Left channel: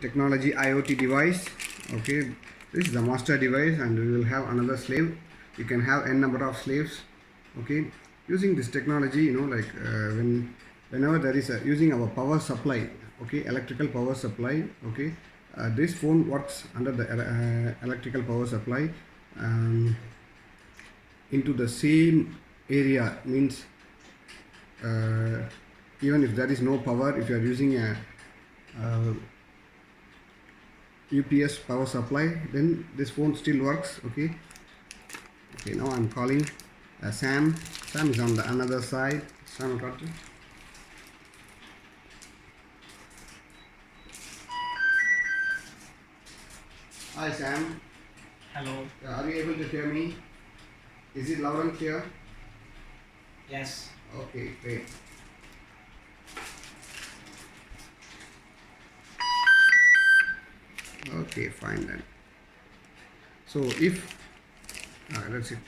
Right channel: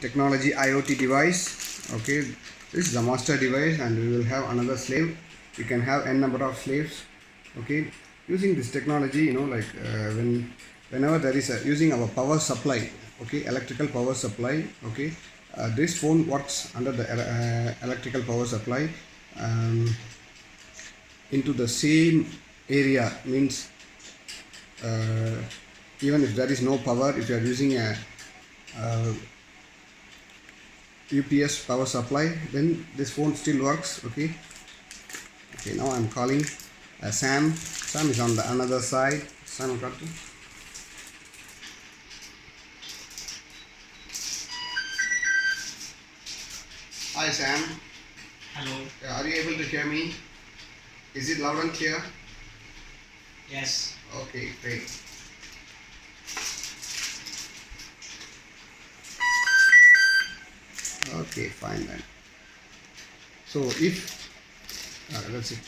technology IoT device. Okay, this is the master device, and we will have another slave. We can have n number of slaves. Okay, using this technology, whenever there is using our power supply, okay, electrical power supply, okay, this phone works under the electrical power supply, into the same area, means even if there is no power, if you are using a UPS power supply, then this phone still works. Okay, now I'm calling Sam. Sam is on the another side. Sam, got it? Hi Sam. Hello. Are you able to hear me? Is it loud and clear? Yes. Okay, great. Okay, fine then. So if that's it.